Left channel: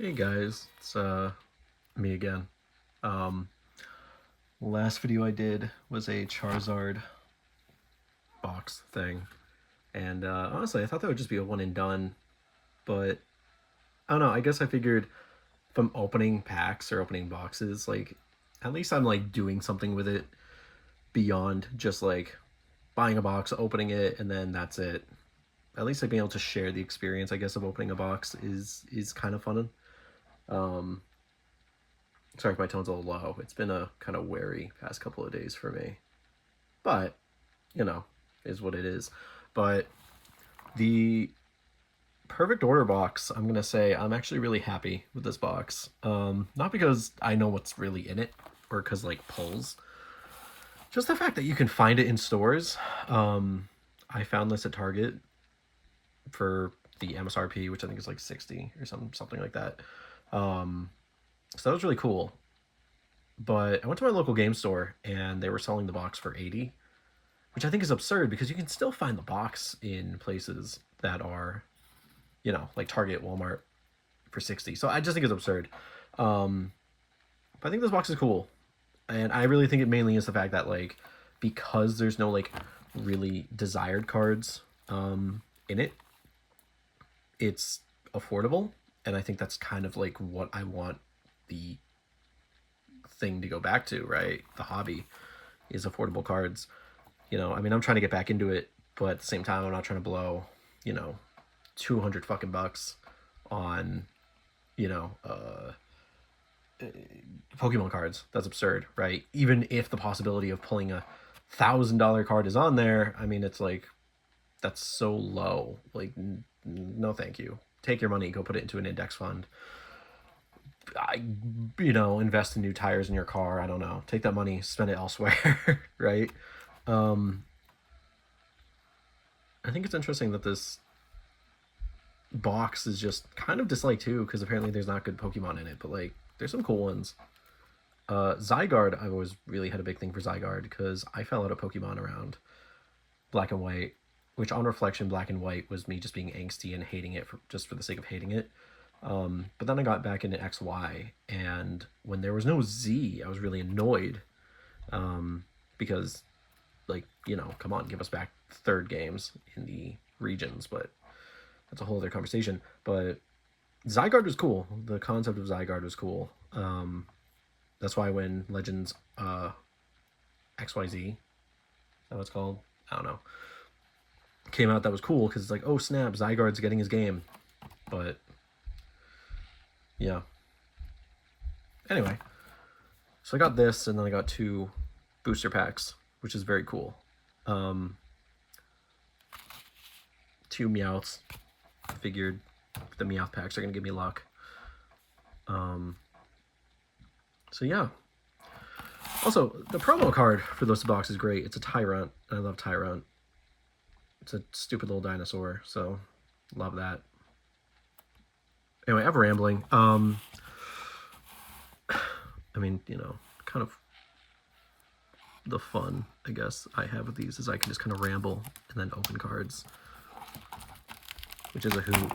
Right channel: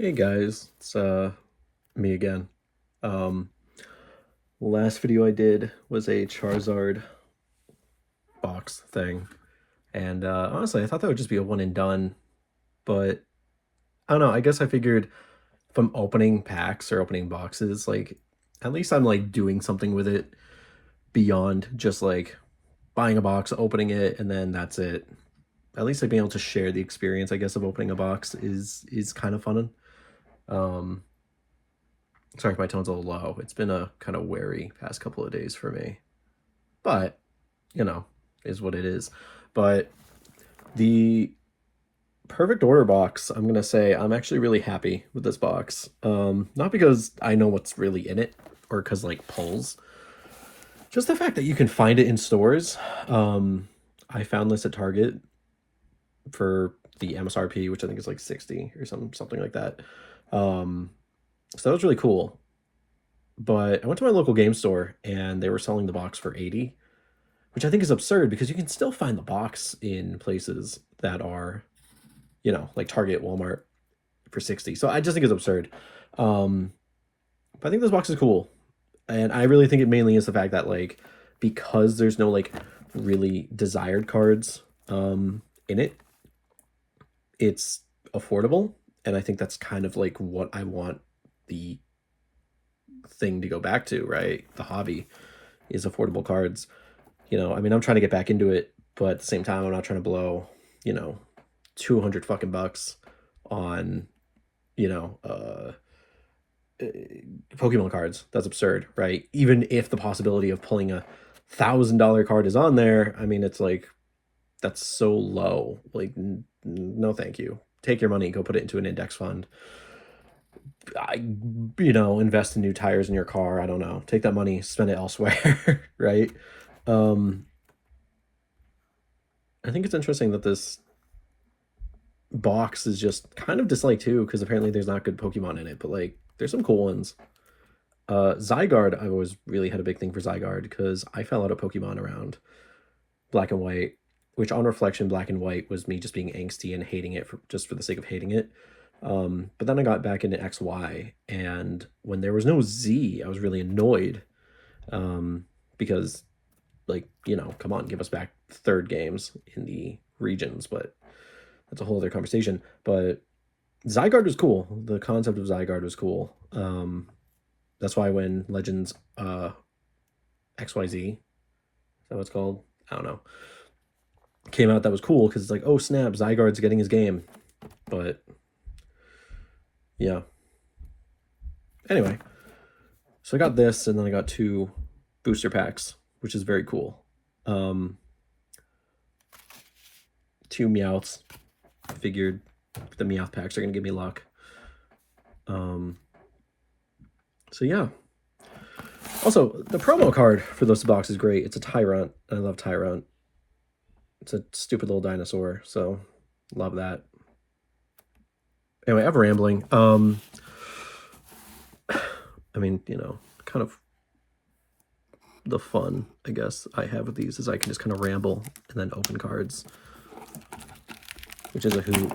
Hey guys, it's me again. Um Last video I did was a Charizard box thing. And honestly, I thought that would just be a one and done, but I don't know, I guess I figured if I'm opening packs or opening boxes, like at least I'm like doing something with it beyond just like buying a box, opening it, and then that's it. At least like being able to share the experience, I guess, of opening a box is kind of fun. Um Sorry if my tone's a little low. It's been a kind of wary past couple of days for me. But, you know, is what it is. But the perfect order box, I'm going to say I'm actually really happy with this box. Not because I know what's really in it or because, like, pulls. Just the fact that you can find it in stores. I found this at Target for the MSRP, which I think is like 60 or something like that. So that was really cool. But I went to my local game store and they were selling the box for 80, which I think is absurd because you can still find the box in places that are, like Target, Walmart for 60. So I just think it's absurd. But I think this box is cool. And I really think it mainly is the fact that, like, because there's no, like, really desired cards in it, it's affordable. And I think that's kind of like what I want the thing to go back to, right? The hobby is affordable cards. I mean, I'm trying to get back into it, but at the same time, I'm not trying to blow, 200 fucking bucks on, you know, uh, Pokemon cards. That's absurd, right? Even if the possibility of pulling $1,000 card is on there, I mean, it's like, that's so low. Like, no, thank you. Take your money, go put it into an index fund. Invest in new tires in your car. I don't know. Take that money, spend it elsewhere, right? Um, I think it's interesting that this box is just kind of disliked too, because apparently there's not good Pokemon in it, but like there's some cool ones. Zygarde, I always really had a big thing for Zygarde because I fell out of Pokemon around Black and White, which on reflection, Black and White was me just being angsty and hating it just for the sake of hating it. But then I got back into XY, and when there was no Z, I was really annoyed because, like, come on, give us back third games in the regions, but that's a whole other conversation. But Zygarde was cool. The concept of Zygarde was cool. That's why when Legends XYZ, is that what it's called? I don't know. Came out, that was cool because it's like, oh snap, Zygarde's getting his game. But yeah. Anyway, so I got this, and then I got 2 booster packs, which is very cool. 2 Meowths. Figured the Meowth packs are gonna give me luck. So yeah. Also, the promo card for this box is great. It's a Tyrant. I love Tyrant. It's a stupid little dinosaur, so love that. Anyway, I'm rambling. I mean, kind of the fun, I guess, I have with these is I can just kind of ramble and then open cards, which is a hoot.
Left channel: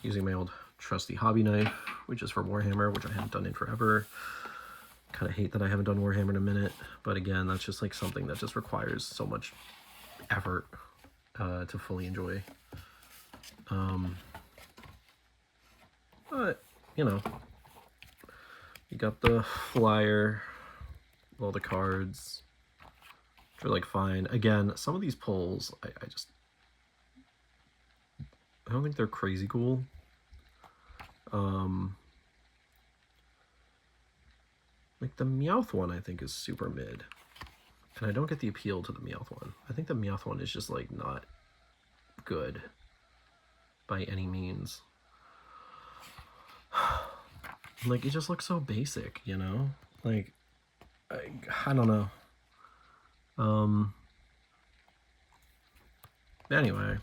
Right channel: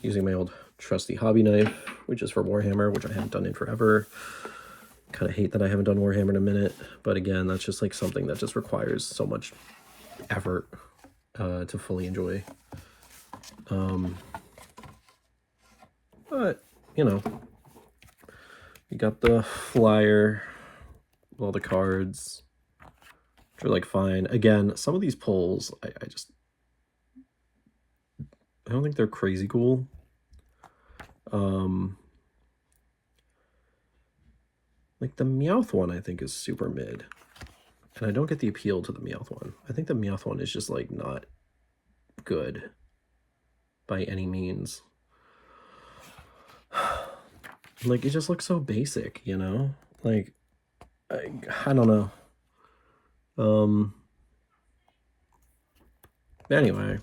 Using my old trusty hobby knife, which is for Warhammer, which I haven't done in forever. Kind of hate that I haven't done Warhammer in a minute, but again, that's just like something that just requires so much effort to fully enjoy. But you got the flyer, all the cards, which are like fine. Again, some of these pulls, I don't think they're crazy cool. Like the Meowth one, I think is super mid, and I don't get the appeal to the Meowth one. I think the Meowth one is just like not good by any means. Like, it just looks so basic, like I don't know. Anyway,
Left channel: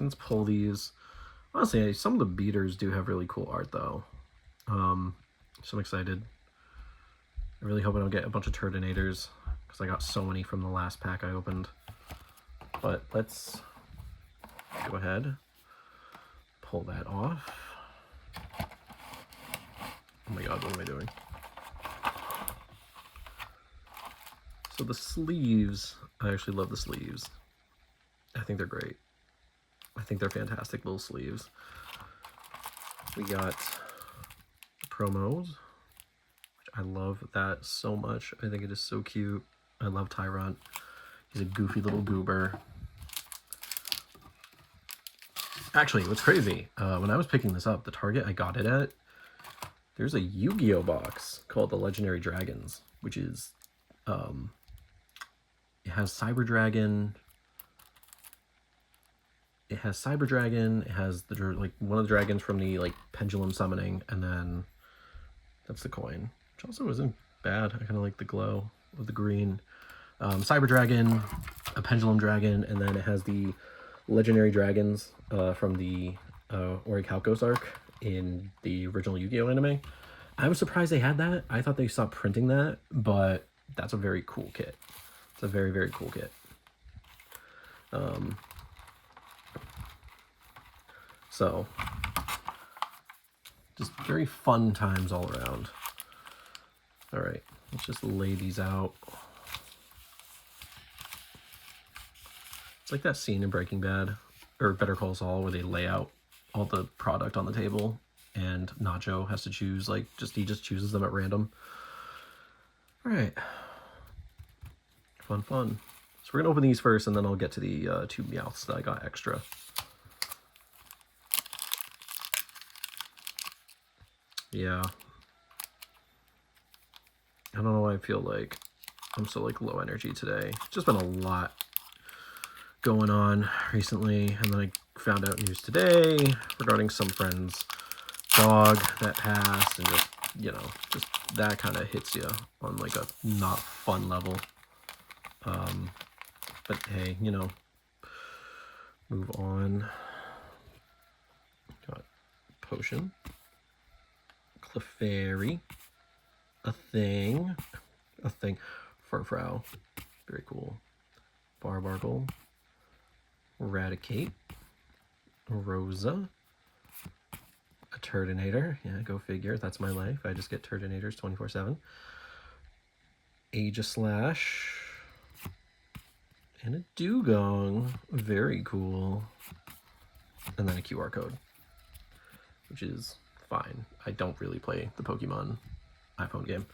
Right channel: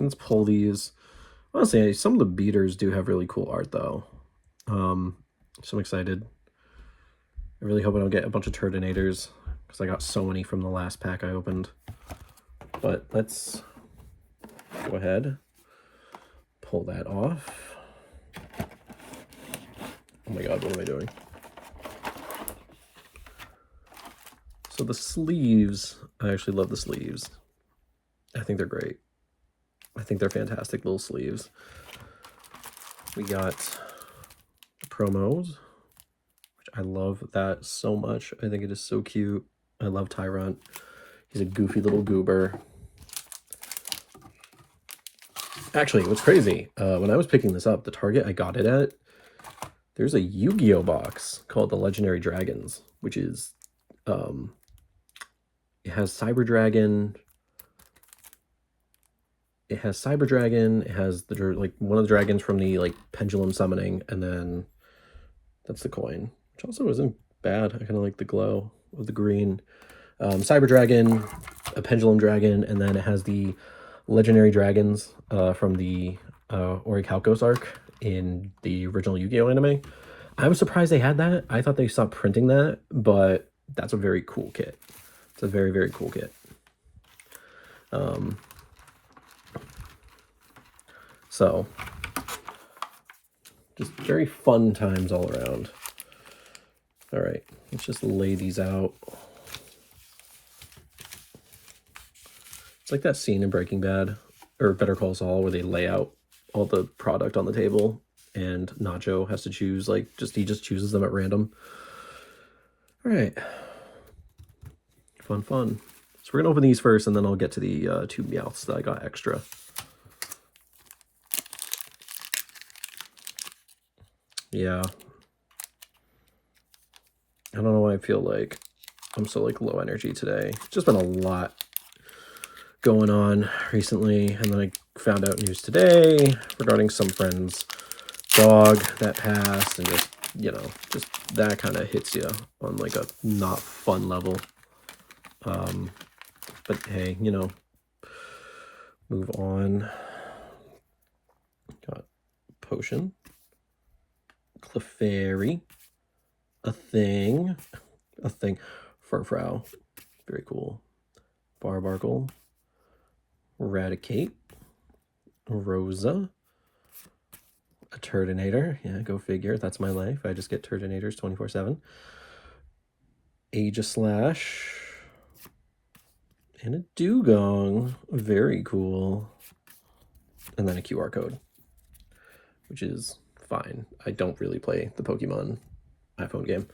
let's pull these. Honestly, some of the beaters do have really cool art though. So I'm excited. I really hope I don't get a bunch of Turdinators, because I got so many from the last pack I opened. But let's go ahead, pull that off. Oh my god, what am I doing? So the sleeves, I actually love the sleeves. I think they're great. I think they're fantastic little sleeves. We got the promos, which I love that so much. I think it is so cute. I love Tyrant. He's a goofy little goober. Actually, what's crazy, when I was picking this up, the Target I got it at, there's a Yu-Gi-Oh box called the Legendary Dragons, which is, it has Cyber Dragon. It has Cyber Dragon. It has the like one of the dragons from the like Pendulum Summoning, and then that's the coin, which also isn't bad. I kind of like the glow of the green. Cyber Dragon, a Pendulum Dragon, and then it has the Legendary Dragons from the Orichalcos arc in the original Yu-Gi-Oh anime. I was surprised they had that. I thought they stopped printing that, but that's a very cool kit. It's a very, very cool kit. So, just very fun times all around. All right, let's just lay these out. It's like that scene in Breaking Bad, or Better Call Saul, where they lay out all the product on the table, and Nacho has to choose, like, he just chooses them at random. All right. Fun, fun. So we're gonna open these first, and then I'll get to the 2 Meowths that I got extra. Yeah. I don't know why I feel like I'm so like low energy today. It's just been a lot going on recently, and then I found out news today regarding some friend's dog that passed, and just, you know, just that kind of hits you on like a not fun level. But hey, you know, move on. Got Potion, Clefairy, a thing, Furfrou, very cool, Barbargle, Eradicate, Rosa, a Turtonator, yeah, go figure, that's my life, I just get Turtonators 24/7, Aegislash, and a Dugong, very cool, and then a QR code, which is fine. I don't really play the Pokemon iPhone game.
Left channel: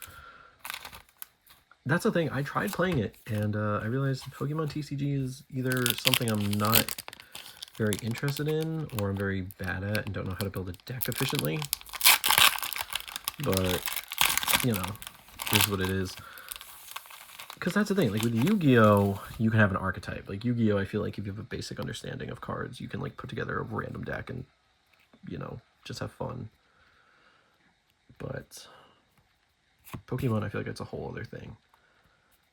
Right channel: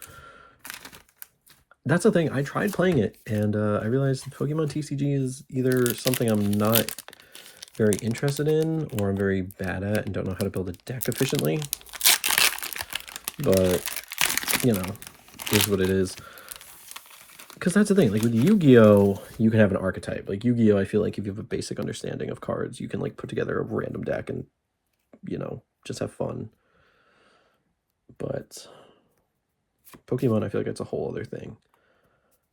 That's the thing, I tried playing it, and I realized Pokemon TCG is either something I'm not very interested in, or I'm very bad at and don't know how to build a deck efficiently. But, you know, is what it is. Because that's the thing, like with Yu-Gi-Oh, you can have an archetype. Like Yu-Gi-Oh, I feel like if you have a basic understanding of cards, you can like put together a random deck and, you know, just have fun. But Pokemon, I feel like it's a whole other thing.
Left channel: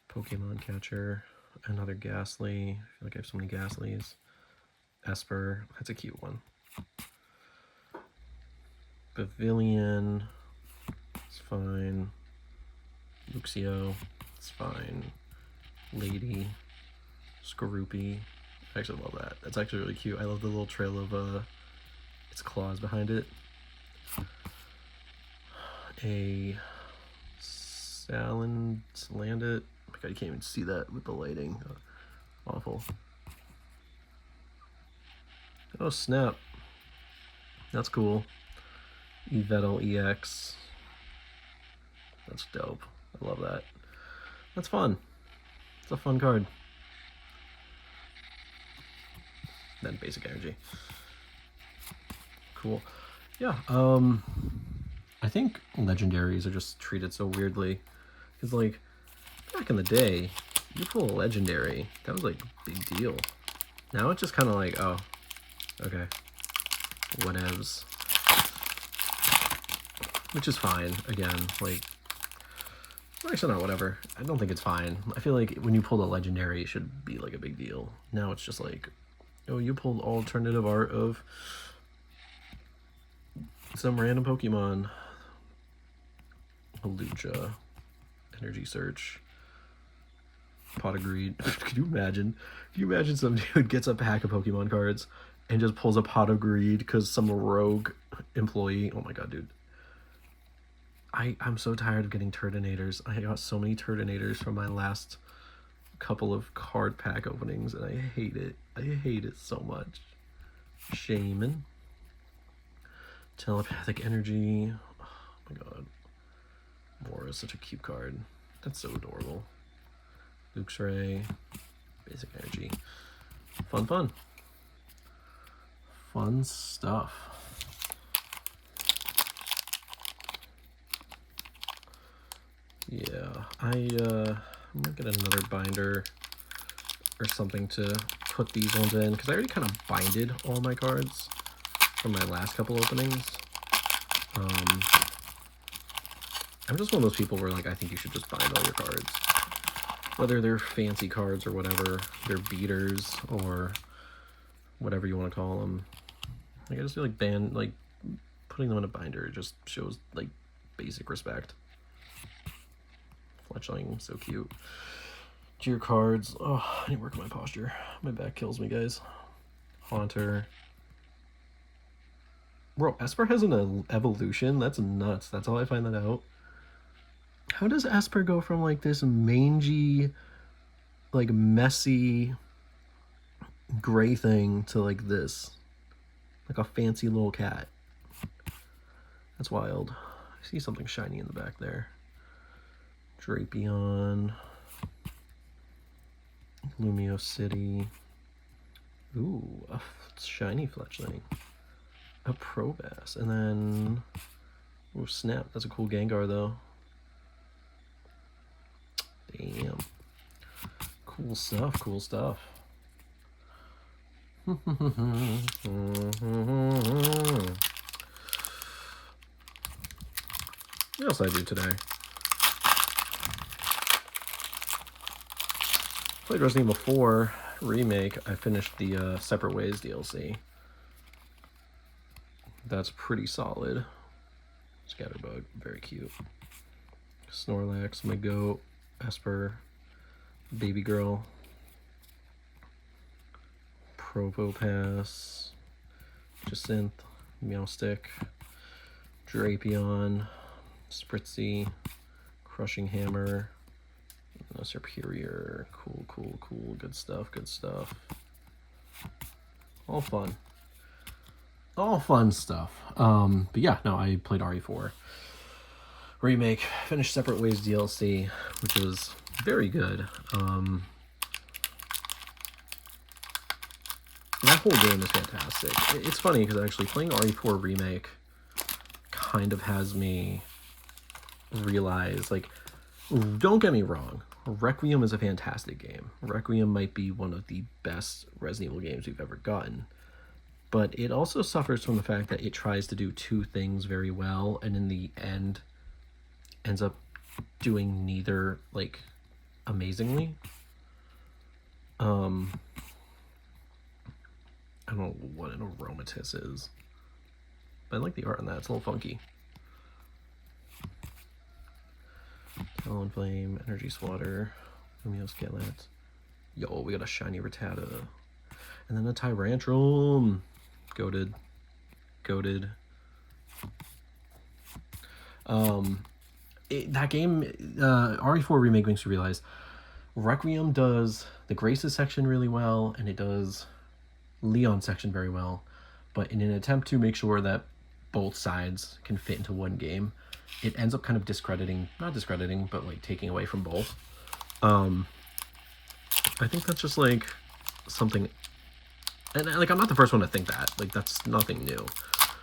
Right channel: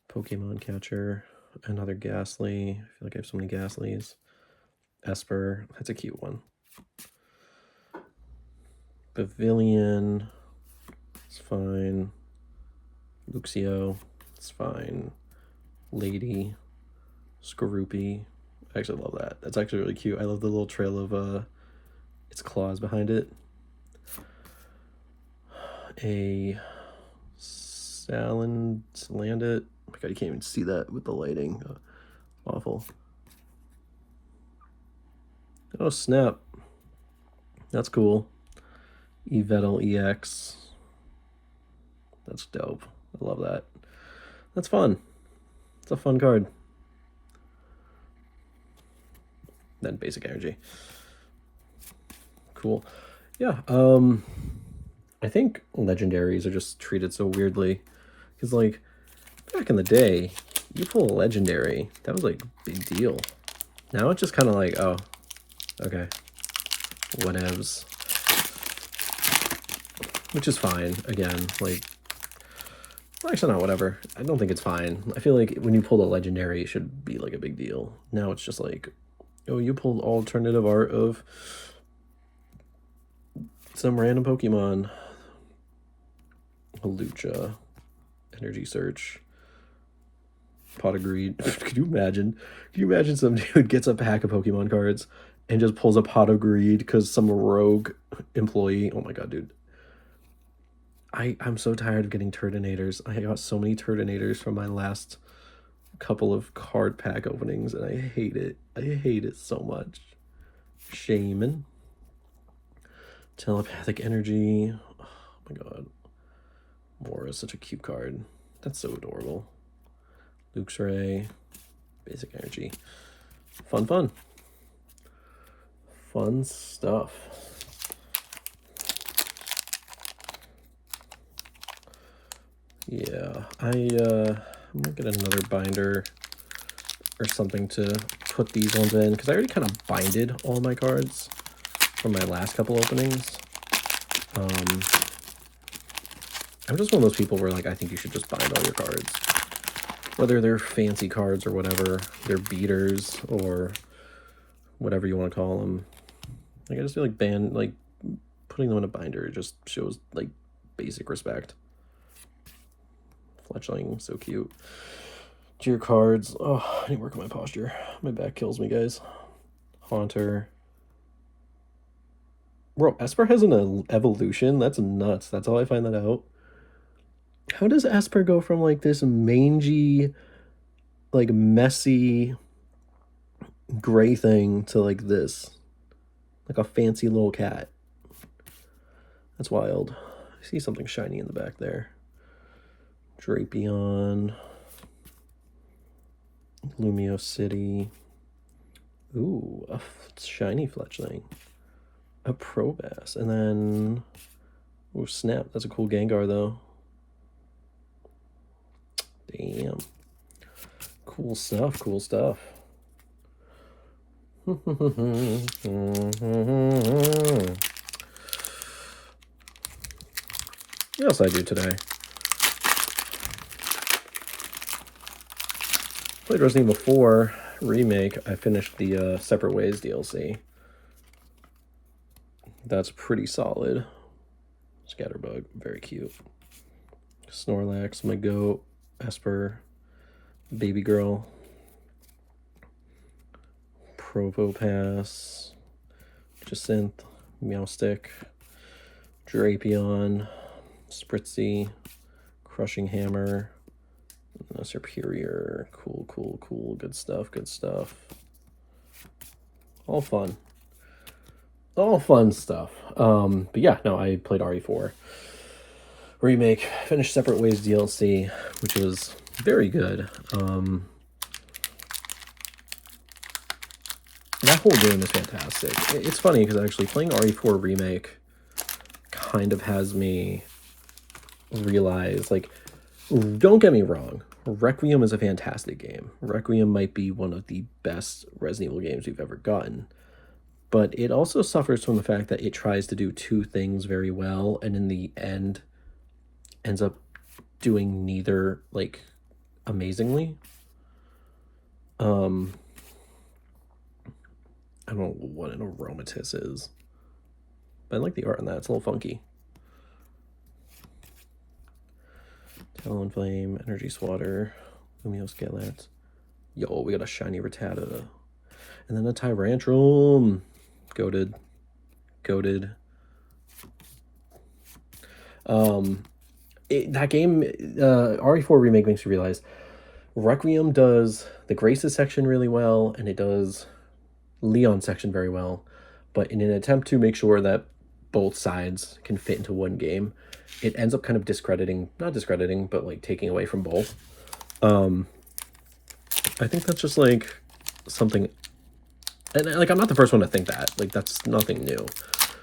Pokemon Catcher, another Ghastly. I feel like I have so many Ghastlies. Esper, that's a cute one. Pavilion, it's fine. Luxio, it's fine. Lady, Skorupi, I actually love that. That's actually really cute. I love the little trail of its claws behind it. A Salandit. Oh my god, you can't even see that with the lighting. Awful. Oh snap. That's cool. Yveltal EX. That's dope. I love that. That's fun. It's a fun card. Then basic energy. Cool. Yeah, I think legendaries are just treated so weirdly. Because, like, back in the day, you pull a legendary, that was, like, a big deal. Now it's just kind of like, oh, okay, whatevs. Which is fine, again, like, well, actually not whatever. I don't think it's fine. I feel like when you pull a legendary, it should be, like, a big deal. Now it's just like, oh, you pulled alternative art of some random Pokemon. A Lucha, Energy Search, Pot of Greed. Could you imagine? Could you imagine some dude gets a pack of Pokemon cards and just pulls a Pot of Greed because some rogue employee? Oh my god, dude. I'm so tired of getting Turtonators. I got so many Turtonators from my last couple of card pack openings, and I hate it. I hate it so much. Shaman. Telepathic Energy. Oh my god. Mora is such a cute card. That's so adorable. Luke's Ray. Basic Energy. Fun, fun. Fun stuff. Yeah, I'm gonna get another binder or something to put these ones in, because I already kind of binded all my cards from my last couple openings. I'm just one of those people where, like, I think you should just bind all your cards. Whether they're fancy cards or whatever, they're beaters or whatever you want to call them. Like, I just feel like putting them in a binder just shows, like, basic respect. Fletchling, so cute. Dear cards. Oh, I need to work on my posture. My back kills me, guys. Haunter. Bro, Esper has an evolution? That's nuts. That's how I find that out. How does Esper go from, like, this mangy, like, messy gray thing to, like, this? Like a fancy little cat. That's wild. I see something shiny in the back there. Drapion. Lumio City. Ooh, a shiny Fletchling. A Probass. And then... Oh, snap. That's a cool Gengar, though. Damn. Cool stuff, cool stuff. What else did I do today? Played Resident Evil 4 Remake. I finished the Separate Ways DLC. That's pretty solid. Scatterbug, very cute. Snorlax, my goat. Esper, Baby Girl. Probopass, Jacinth, Meowstick, Drapion, Spritzy, Crushing Hammer, Superior. Cool, cool, cool. Good stuff, good stuff. All fun. All fun stuff. But yeah, no, I played RE4 Remake, finished Separate Ways DLC, which was very good. That whole game is fantastic. It's funny because actually playing RE4 Remake kind of has me realize, like, don't get me wrong, Requiem is a fantastic game. Requiem might be one of the best Resident Evil games we've ever gotten. But it also suffers from the fact that it tries to do two things very well, and in the end ends up doing neither, like, amazingly. I don't know what an aromatisse is, but I like the art on that. It's a little funky. Talonflame, Energy Swatter, Lumio Skelet. Yo, we got a shiny Rattata. And then a Tyrantrum. Goated. Goated. That game, RE4 Remake makes you realize Requiem does the Graces section really well, and it does Leon section very well. But in an attempt to make sure that both sides can fit into one game, it ends up kind of discrediting, not discrediting, but like taking away from both. I think that's just like something, and like I'm not the first one to think that, like that's nothing new.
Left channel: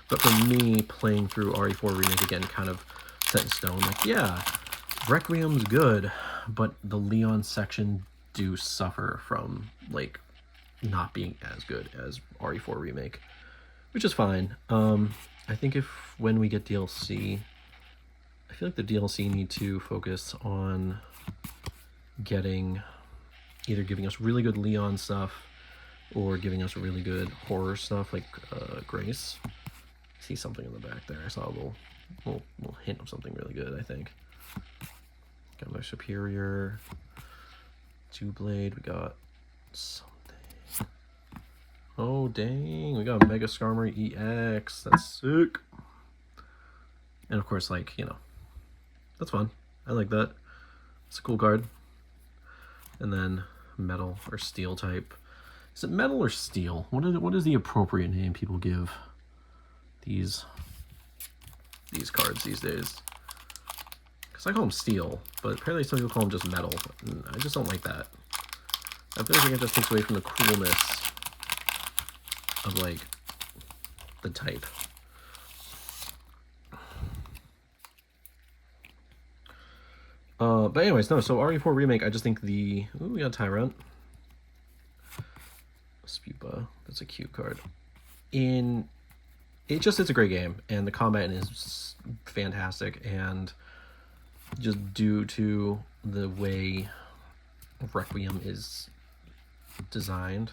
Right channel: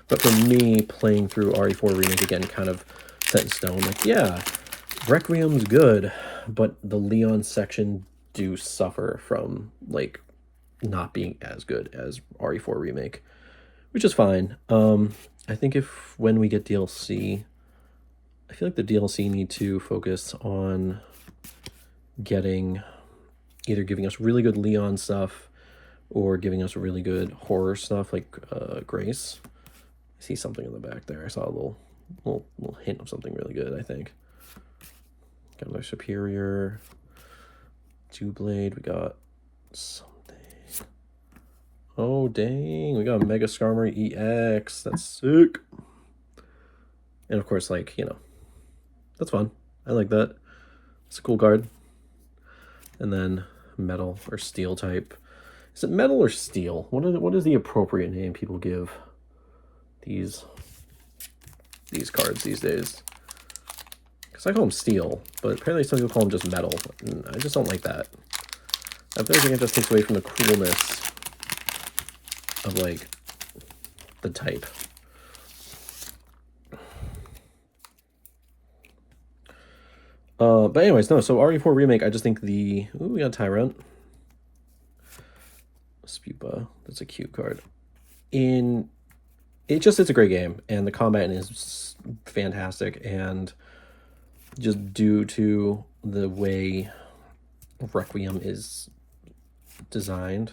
But for me, playing through RE4 Remake again kind of set in stone, like, yeah, Requiem's good, but the Leon section do suffer from like not being as good as RE4 Remake, which is fine. I think when we get DLC, I feel like the DLC need to focus on either giving us really good Leon stuff or giving us really good horror stuff like Grace. I see something in the back there. I saw a little hint of something really good, I think. Got my Superior, Two-Blade. We got something. Oh, dang. We got Mega Skarmory EX. That's sick. And of course, like, you know, that's fun. I like that. It's a cool card. And then metal or steel type. Is it metal or steel? What is the appropriate name people give these cards these days? Because I call them steel, but apparently some people call them just metal. And I just don't like that. I feel like it just takes away from the coolness of, like, the type. But anyways, no, so RE4 Remake, I just think the... Ooh, we got Tyrant. Spupa, that's a cute card. It's a great game, and the combat is fantastic, and just due to the way Requiem is designed,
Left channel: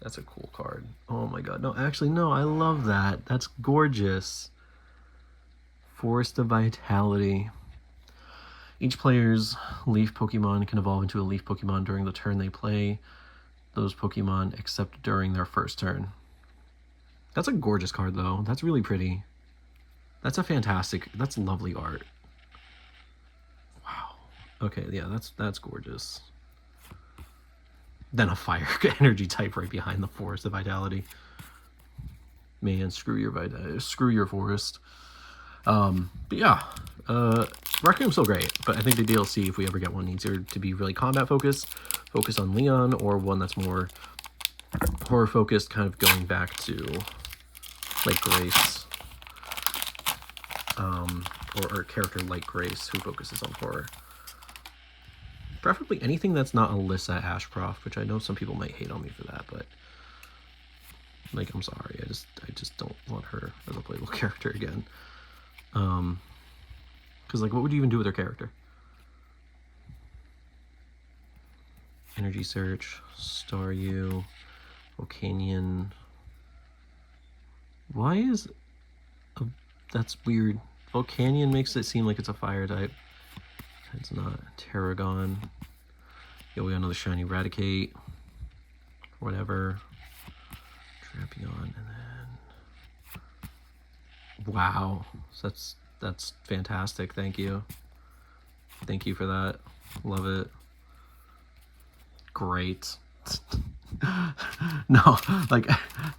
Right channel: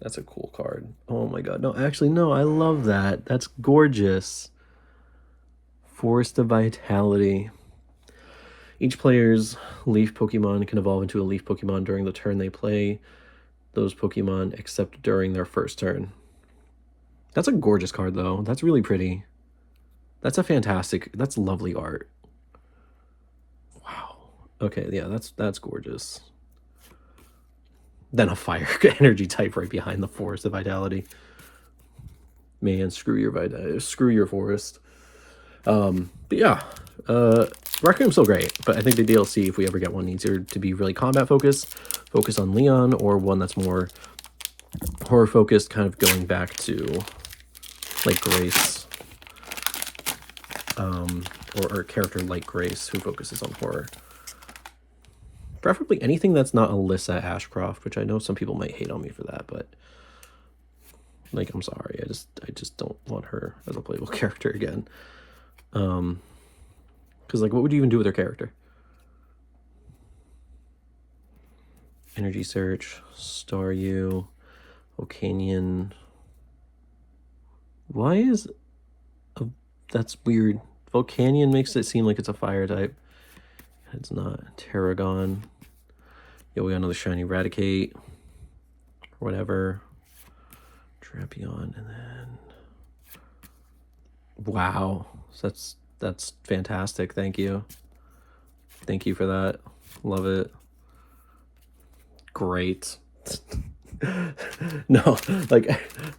that's a cool card. Oh my god, no, actually, no, I love that. That's gorgeous. Forest of Vitality. Each player's Leaf Pokemon can evolve into a Leaf Pokemon during the turn they play those Pokemon, except during their first turn. That's a gorgeous card, though. That's really pretty. That's that's lovely art. Wow. Okay, yeah, that's gorgeous. Then a fire energy type right behind the Forest of Vitality. Man, screw your forest. But yeah, Requiem's still great, but I think the DLC, if we ever get one, needs to be really combat focused, focus on Leon, or one that's more horror focused, kind of going back to like Grace, or a character like Grace who focuses on horror. Preferably anything that's not Alyssa Ashcroft, which I know some people might hate on me for that, but like, I'm sorry, I just don't want her as a playable character again. Because, like, what would you even do with her character? Energy Search, Staryu, Volcanion. Why is... that's weird. Volcanion makes it seem like it's a fire type. It's not. Terragon. Yeah, we got another shiny Raticate. Whatever. Drapion, and then... Wow. So that's fantastic. Thank you. Thank you for that. Love it. Great. No, like,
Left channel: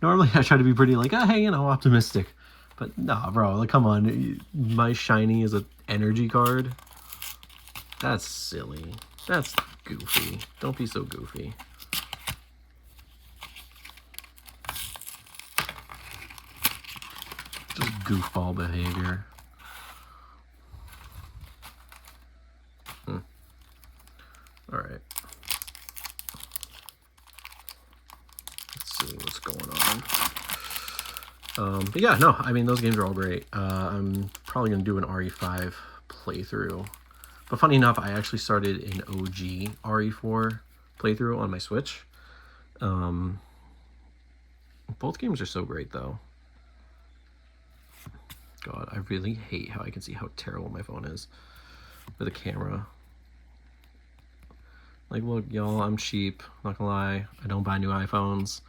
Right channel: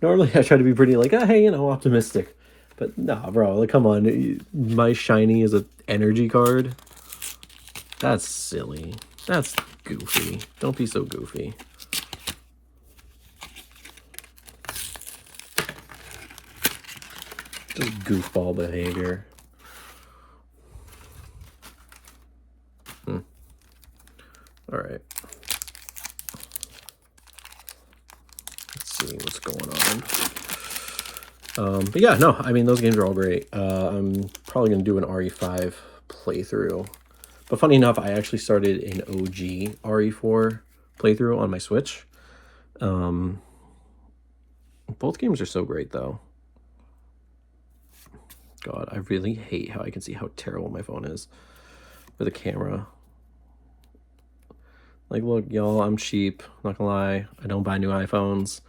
normally I try to be pretty like, oh, hey, you know, optimistic. But nah, bro, like, come on. My shiny is an energy card. That's silly. That's goofy. Don't be so goofy. Just goofball behavior. All right. Let's see what's going on. But yeah, no, I mean, those games are all great. I'm probably going to do an RE5 playthrough. But funny enough, I actually started an OG RE4 playthrough on my Switch. Both games are so great, though. God, I really hate how I can see how terrible my phone is with a camera. Like, look, y'all, I'm cheap. Not gonna lie. I don't buy new iPhones.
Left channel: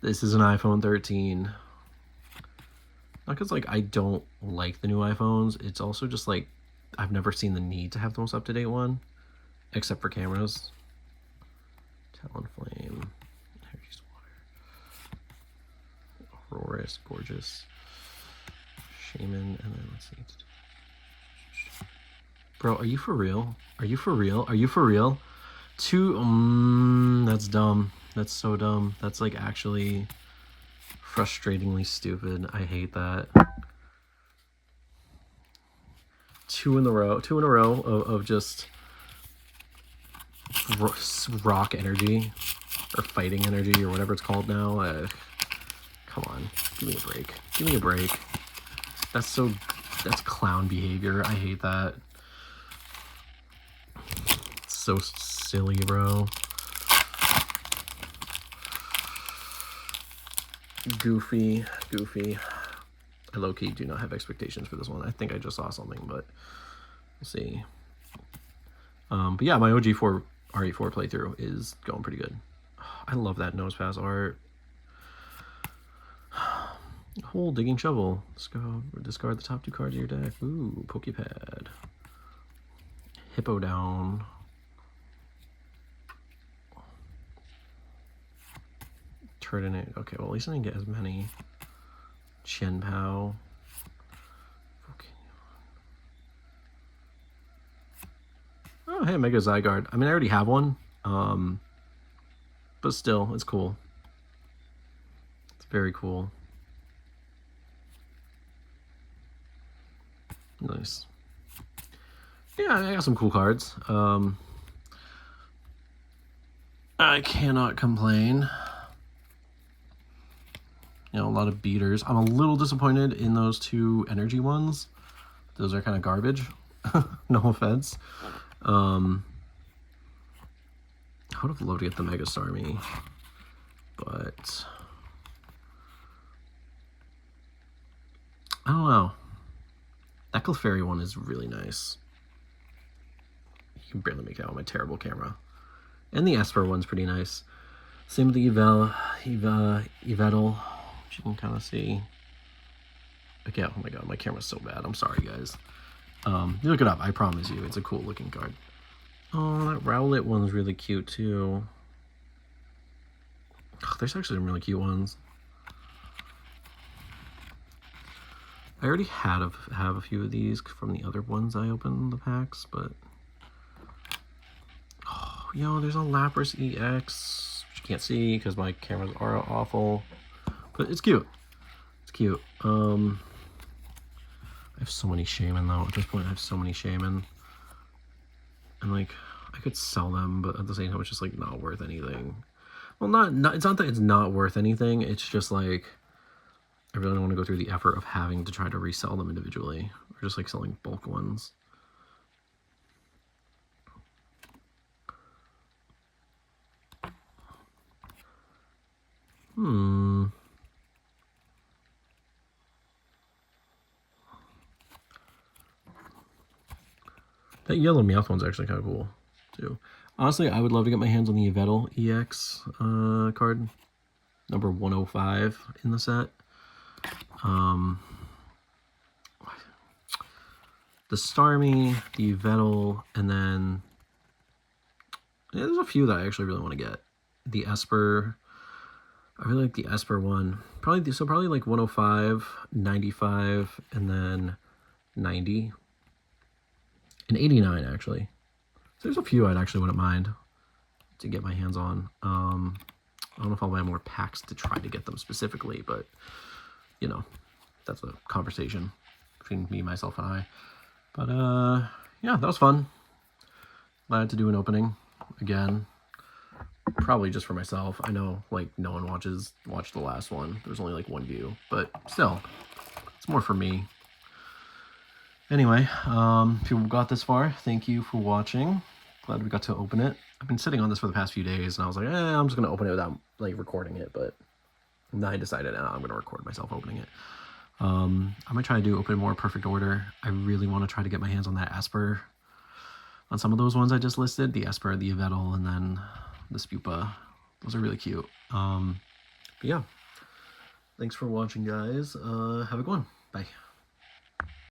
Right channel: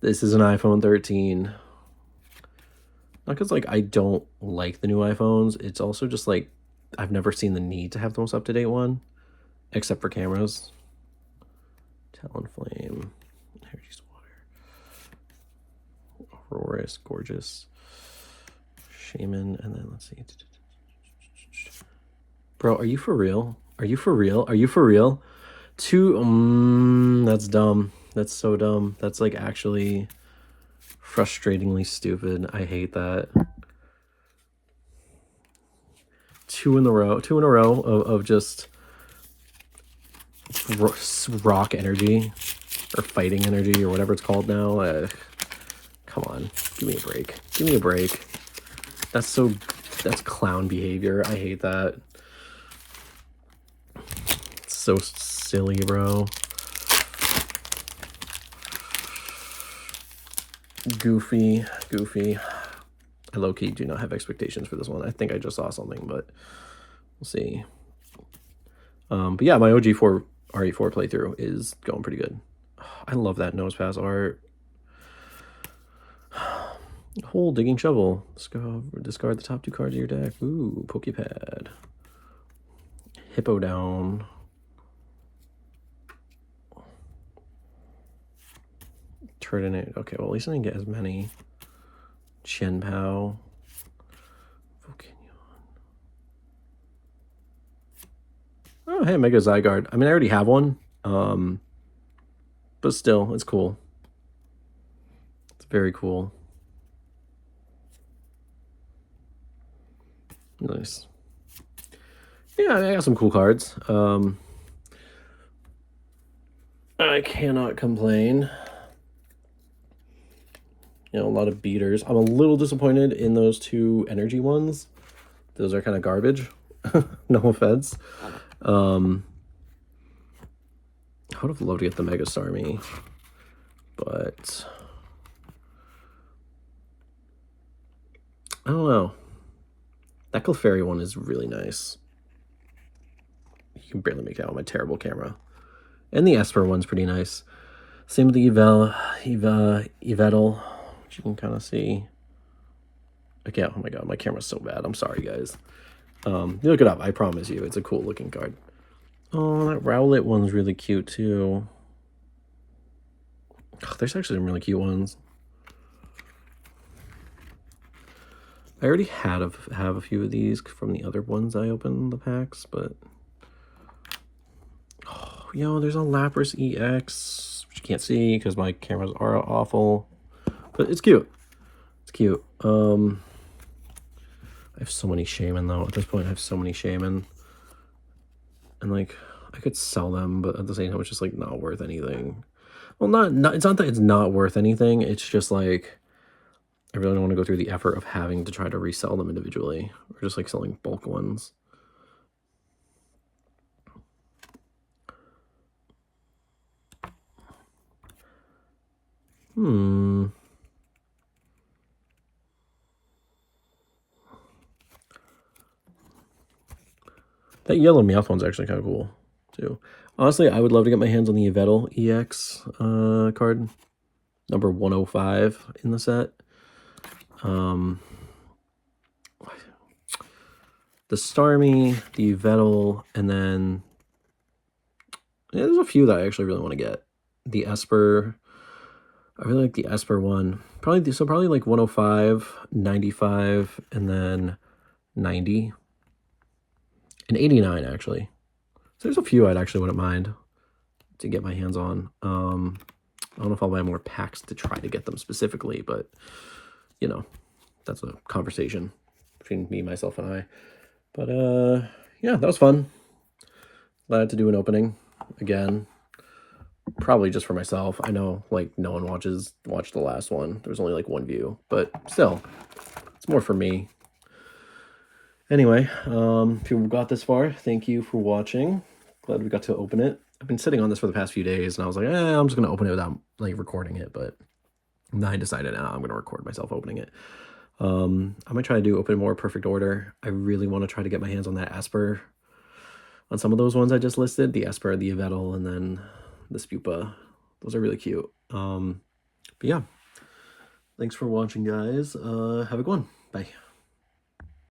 This is an iPhone 13. Not because, like, I don't like the new iPhones. It's also just, like, I've never seen the need to have the most up-to-date one. Except for cameras. Talonflame. Energy Water. Aurorus. Gorgeous. Shaman. And then, let's see. Bro, are you for real? Are you for real? Are you for real? That's dumb. That's so dumb. That's, like, actually frustratingly stupid. I hate that. Two in a row of just rock energy or fighting energy or whatever it's called now. Come on, give me a break. Give me a break. That's clown behavior. I hate that. It's so silly, bro. Goofy. I low-key do not have expectations for this one. I think I just saw something, but we'll see. But yeah, my OG4 RE4 playthrough is going pretty good. I love that nose pass art. Whole digging shovel. Discard the top 2 cards of your deck. Ooh, Pokepad. Hippo down. Turdinate. Okay, well at least I didn't get as many. Shenpao. Oh, hey, Mega Zygarde. I mean, I already have one. But still, it's cool. It's very cool. Nice. Yeah, I got some cool cards. I cannot complain. You know, a lot of beaters. I'm a little disappointed in those 2 energy ones. Those are kind of garbage. No offense. I would have loved to get the Mega Starmie, but I don't know. That Clefairy one is really nice. You can barely make it out on my terrible camera. And the Esper one's pretty nice. Same with the Yveltal, which you can kind of see. Okay, oh my god, my camera's so bad. I'm sorry, guys. You look it up, I promise you. It's a cool looking card. Oh, that Rowlet one's really cute too. Oh, there's actually some really cute ones. I already have a few of these from the other ones I opened the packs, but oh, yo, there's a Lapras EX, which you can't see because my cameras are awful, but it's cute. It's cute. I have so many Shaman though. At this point, I have so many Shaman, and like I could sell them, but at the same time, it's just like not worth anything. Well, not it's not that it's not worth anything. It's just like I really don't want to go through the effort of having to try to resell them individually, or just like selling bulk ones. That yellow Meowth one's actually kind of cool, too. Honestly, I would love to get my hands on the Yveltal EX card. Number 105 in the set. The Starmie, the Yveltal, and then... yeah, there's a few that I actually really want to get. The Esper. I really like the Esper one. Probably like 105, 95, and then 90. And 89, actually. So there's a few I'd actually wouldn't mind to get my hands on. I don't know if I'll buy more packs to try to get them specifically, but, you know, that's a conversation between me, myself, and I. But, yeah, that was fun. Glad to do an opening again. Probably just for myself. I know, like, no one watched the last one. There was only, like, 1 view. But still, it's more for me. Anyway, if you got this far, thank you for watching. Glad we got to open it. I've been sitting on this for the past few days, and I was like, I'm just going to open it without, like, recording it. But then I decided, I'm going to record myself opening it. I might try to do open more perfect order. I really want to try to get my hands on that Esper. On some of those ones I just listed, the Esper, the Yveltal, and then the Spupa. Those are really cute. But yeah, thanks for watching, guys. Have a good one. Bye.